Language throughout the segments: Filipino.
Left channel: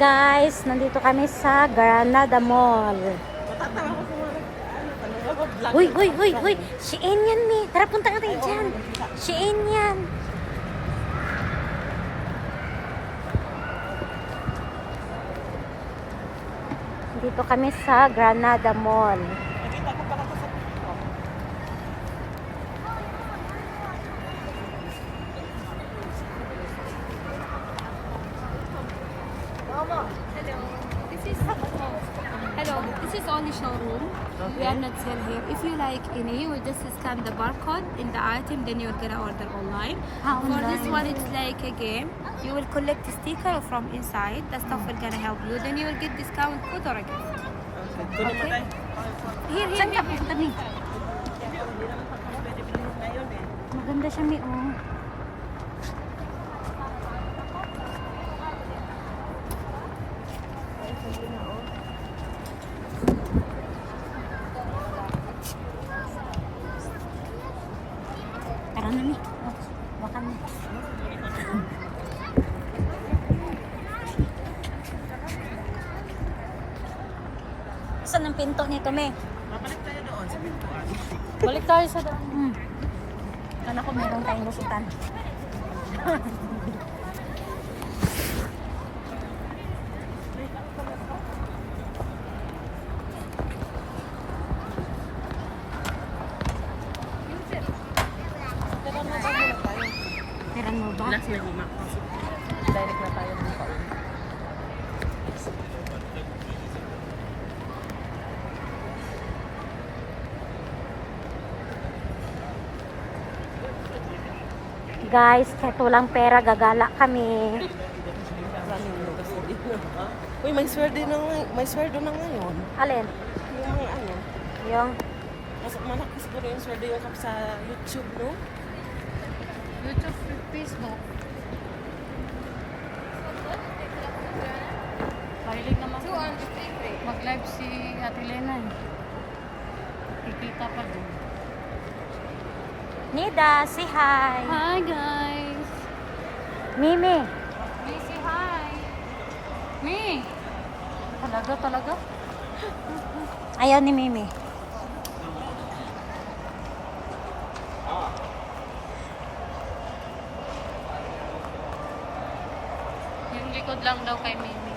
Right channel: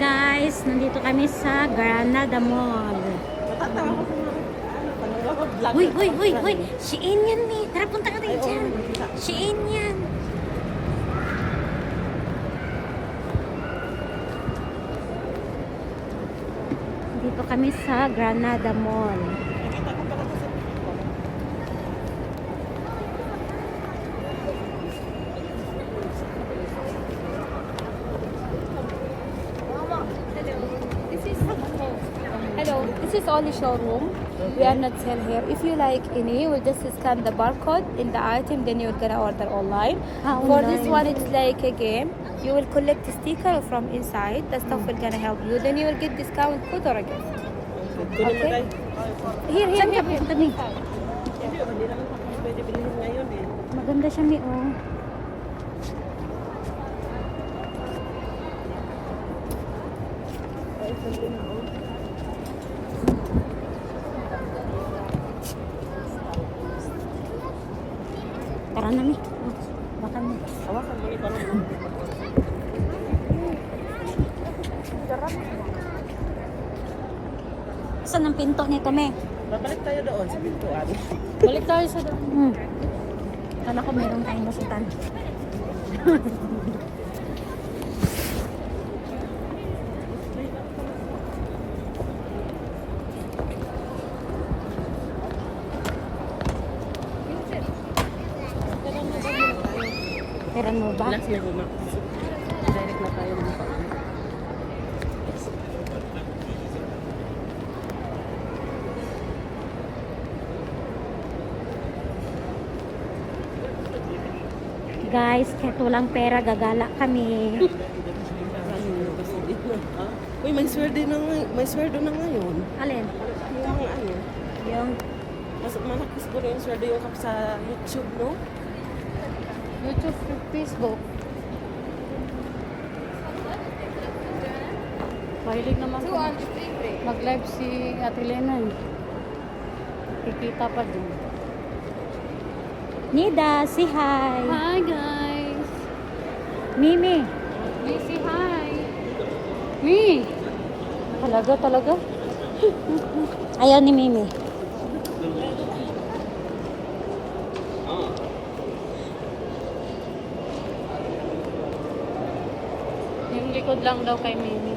Guys, nandito kami sa Granada Mall. Matatawa ko sa mga vlog. Uy, Shein yan eh. Tara, punta ka tayo dyan. Shein yan. Dito kami sa Granada Mall. Nakita ko pala ko sa TikTok. Hello, this is only showroom. We are not sell here. If you like any, you will just scan the barcode in the item, then you're gonna order online. For this Online. one, it's like a game. You will collect a sticker from inside. The stuff will gonna help you. Then you will get discount code or a gift. Kunin mo Okay. tayo. Here, here, Saan ka here. punta ni? Hindi naman kasi pwede bilhin ngayon eh. Maganda siya mi oh. Ay, sabi na oh. Tara na mi. Baka mi. Hawakan mo ito na. Saan ang pinto nito me? Babalik tayo doon sa pintuan. Balik tayo sa doon. Kala ko meron tayong lusutan. Tara na ba muna tayo? Peran mo ba? Last na guma. Direct na tayo. Guys, kahit walang pera, gagala kami. Maraming lugas na dito. Uy, may sweldo na ngayon. Alin? Yung mga ano. Yung Mas malakas ko rin yung sweldo yung sa YouTube, no? YouTube, Facebook. Mahilig naman mag-live si Ate Lena. Kikita pa din. Nida, say hi. Hi guys! Mimi. Me, say hi! Me! Talaga? Ayaw ni Mimi. Yung likod lang daw kay Mimi.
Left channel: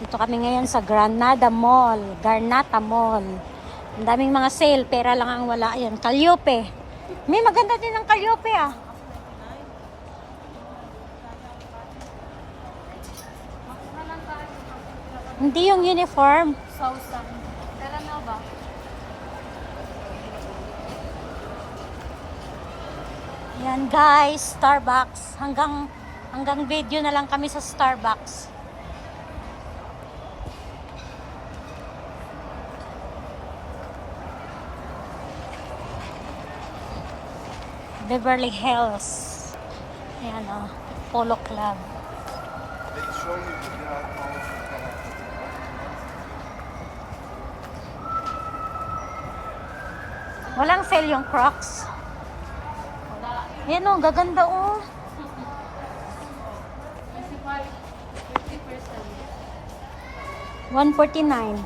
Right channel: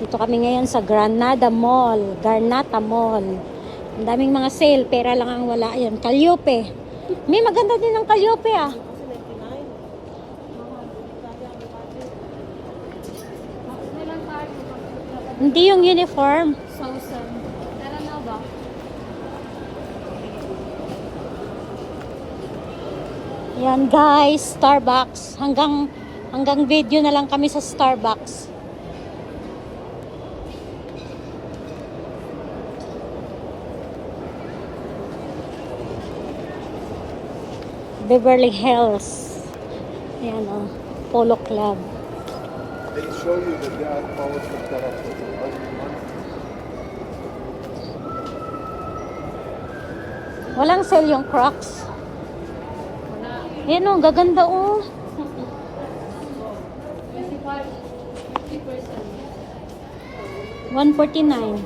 Dito kami ngayon sa Granada Mall. Garnata Mall. Ang daming mga sale. Pera lang ang wala. Ayan, Calliope. May maganda din ang Calliope ah. Hindi yung uniform. Sausan. Tara na ba? Yan guys, Starbucks. Hanggang video na lang kami sa Starbucks. Beverly Hills. Yan oh, Polo Club. They show you the guy policy set up with the Walang sale yung Crocs. Yan oh, gaganda oh. 149.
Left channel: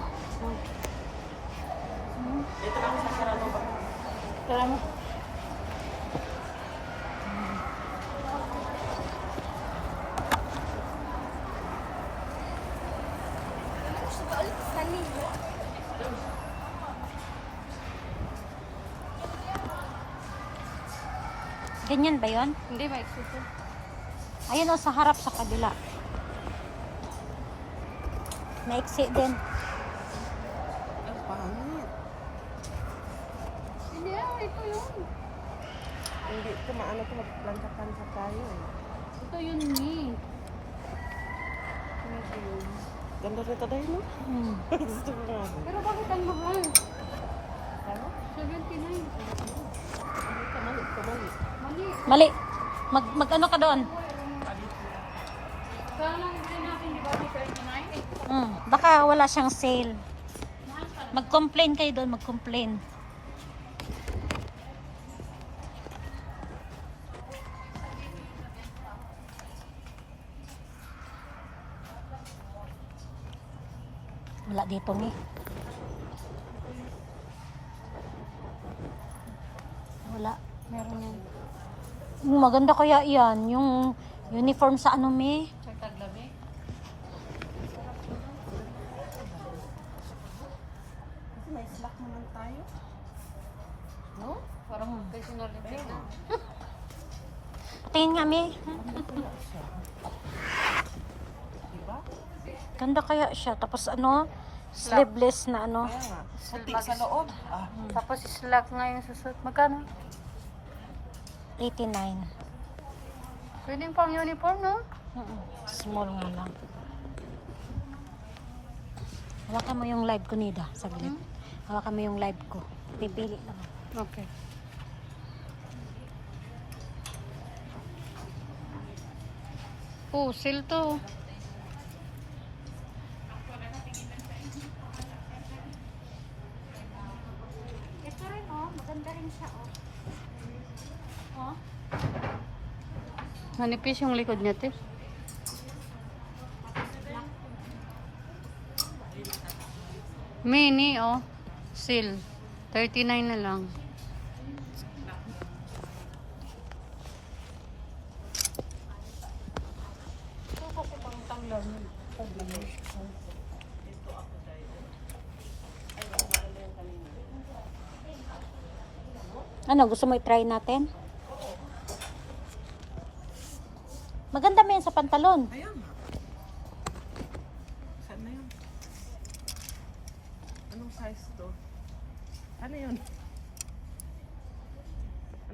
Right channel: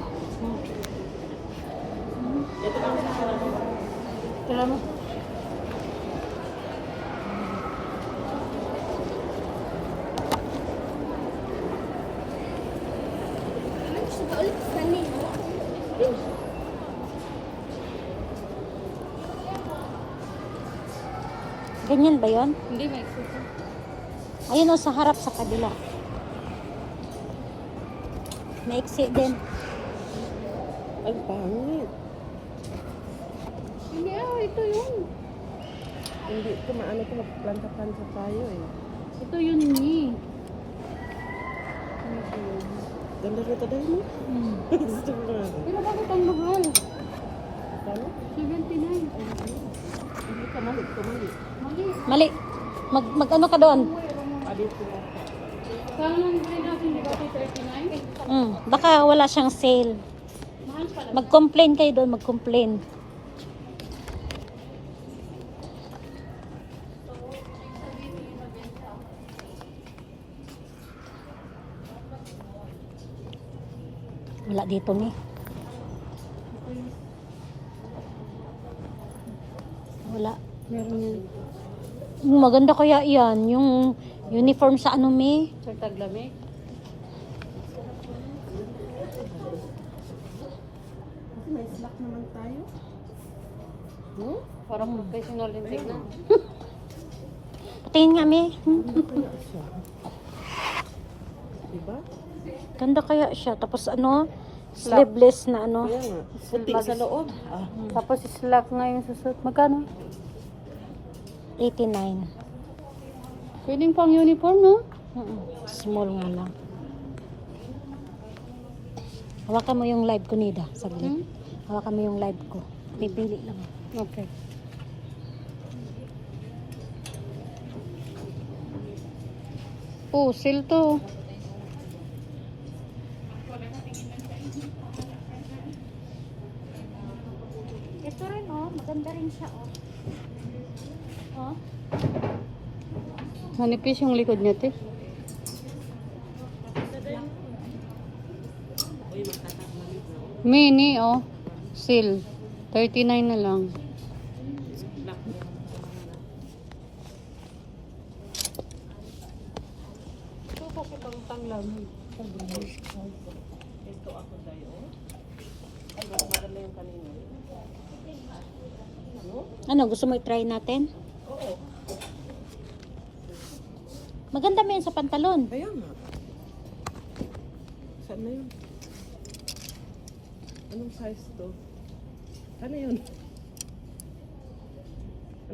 Tara na. Ganyan ba yun? Hindi, may suka. Ayun o, sa harap sa kabila. Maiksi din. Ay, pangit. Hindi, ito yun. Hindi ito maano ito, magplanta-planta tayo eh. Ito yun ni. Ganda nito dahil mo. Gusto ko nga. Pero bakit ang mahal? Ano? 79. Hindi ka mali. Mali. Mali. Mag-ano ka doon? Dito na. Kaya lang rin natin, di ba, 39? Baka wala siyang sale. Mahal Mag-complain kayo doon, mag-complain. Wala dito ni. Wala. Meron yan. Maganda kaya yan, yung uniform sa ano me. Sa taglamig. Kasi may slack naman tayo. No? Parang professional din tignan. Patingin nga me. Kaya siya. Diba? Ganda kaya siya. Tapos ano, sleeveless na ano. Kaya nga. Puti sa loob. Ah, Tapos slack nga yung susuot. Magkano? 89. Pwedeng pang uniform, no? Small nga lang. Hawakan mo yung live ko, Nida. Saglit. Hawakan mo yung live ko. Pipili lang ako. Okay. Oh, sale to. Ito rin oh, maganda rin siya oh. Oh. Manipis yung likod niya, te. Mini, oh. Sale. 39 na lang. Ito kasi pang tanglan. Ano, gusto mo i-try natin? Maganda mo yan sa pantalon. kaya nga. Saan na yun? Anong size to? Ano yun?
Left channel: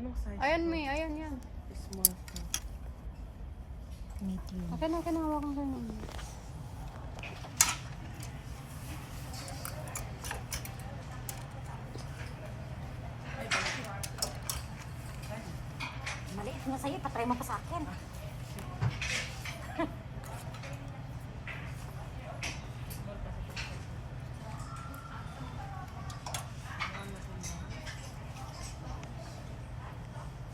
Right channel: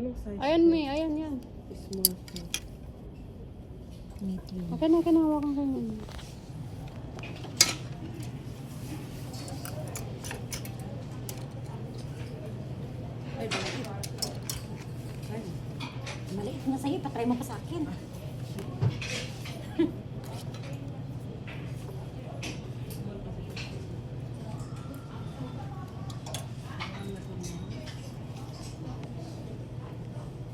Anong size Ayan, to? May. Ayan, yan. Small to. Medium. Okay na, kinahawakan ka na. Ay, bakit? Ay, Maliit nga sa'yo, patry mo pa sa akin.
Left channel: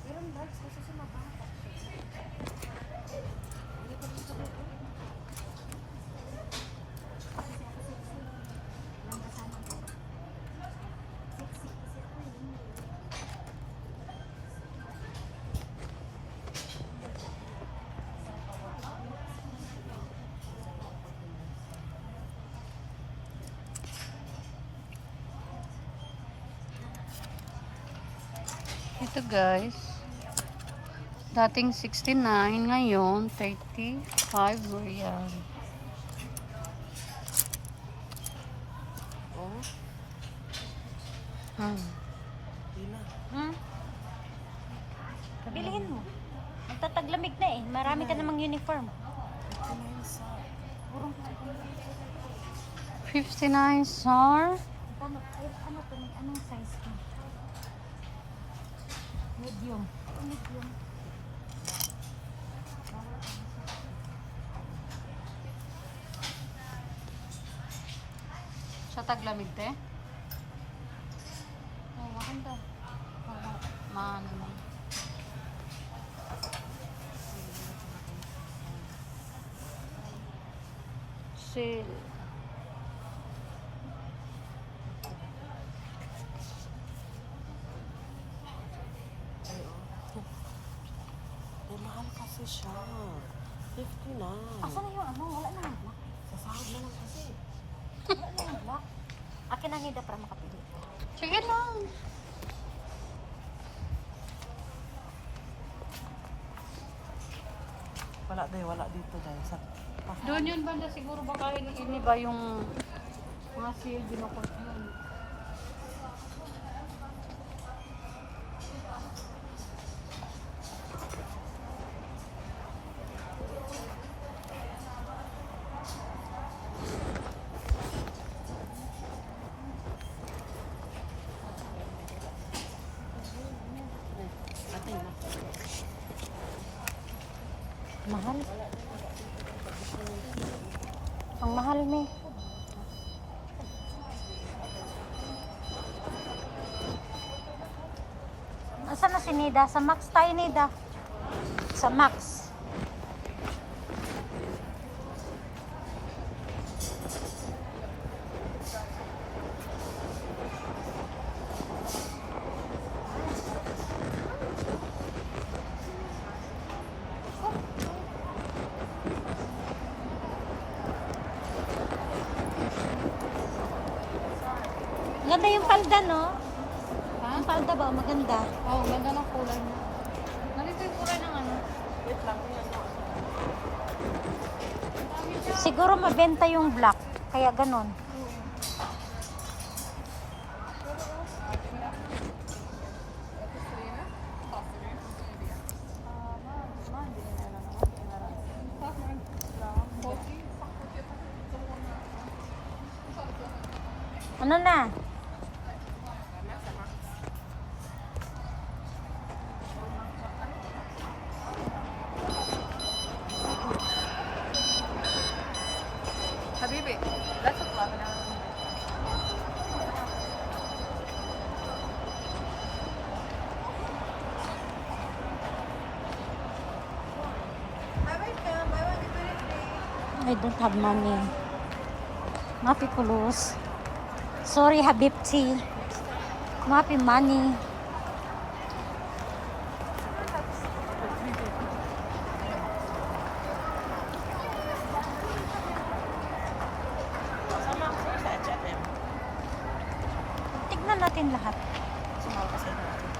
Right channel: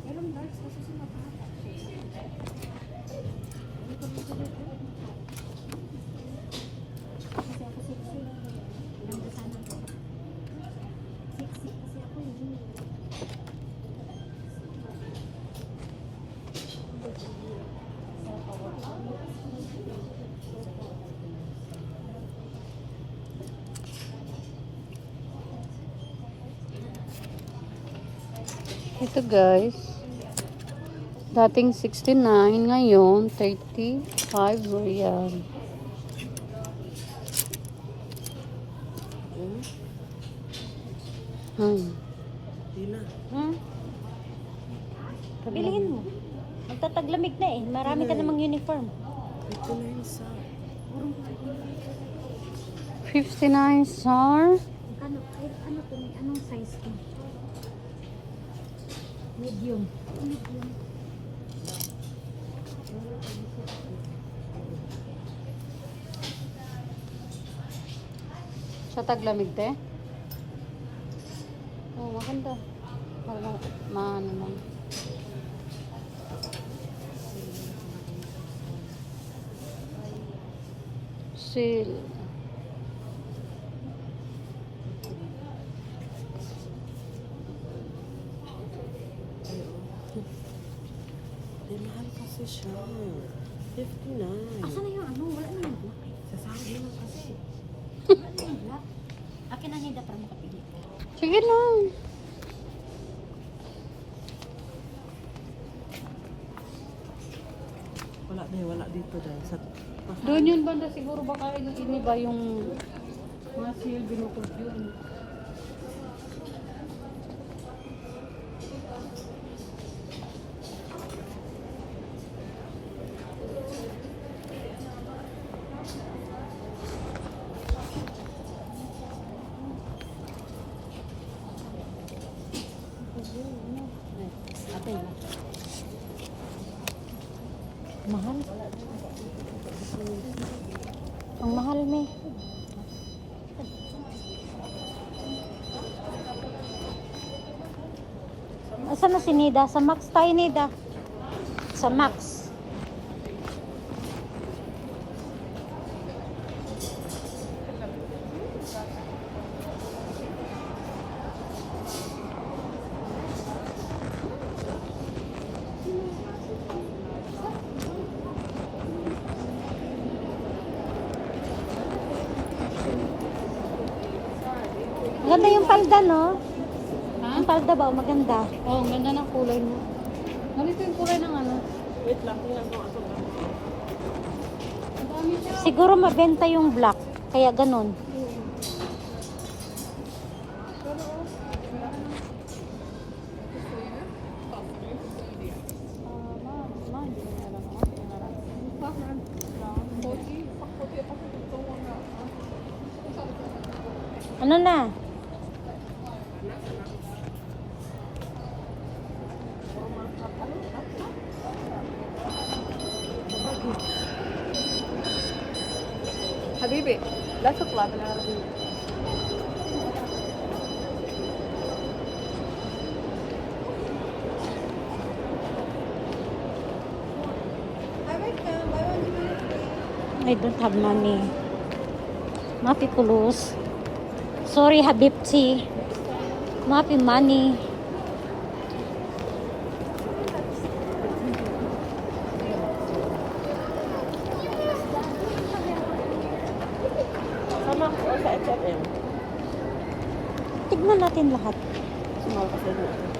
Meron large kasi si mababa. Kasi ako sexy. Ganda sana ko. Sexy kasi ako yun. Ito guys. Dating 69, ngayon 35 real. oh, yun na. Bilhin mo. Magtataglamig na eh. Marami ka namang uniform. 59 sa... 59 sar. Ano, ay, ano to? May anong size to? Medium. Medium. Sa taglamig, te? Oh, maganda. Maano naman. Seal. Eh, mahal kasi siya. 59. Asan na yung ano? Wala na yung black. Sasahod na lang kasi. Wala na yung black. Akin na nida para makapili ka. Sige lang. Wala dito dahil sa... Doon yun banda siguro baka ini ba yung mga seal binukot yun. Mahal. Ang mahal ni. Asan na si Nida? Sa Max tayo, Nida. Sa Max. Maganda yung palda, no? Ang palda ba? Maganda. Oh, ang ganda ng kulay mo. Ganito yung kulay ng ano. Wait lang, tingnan ko ako. Siguro mabenta yung black. Kaya ganun. Ano na? Habibi, let's apply na. I don't have money. Mapi pulos. Sorry, Habibti. Mapi money. Sama ko sa H&M. Tignan natin lahat. Sumama ko sa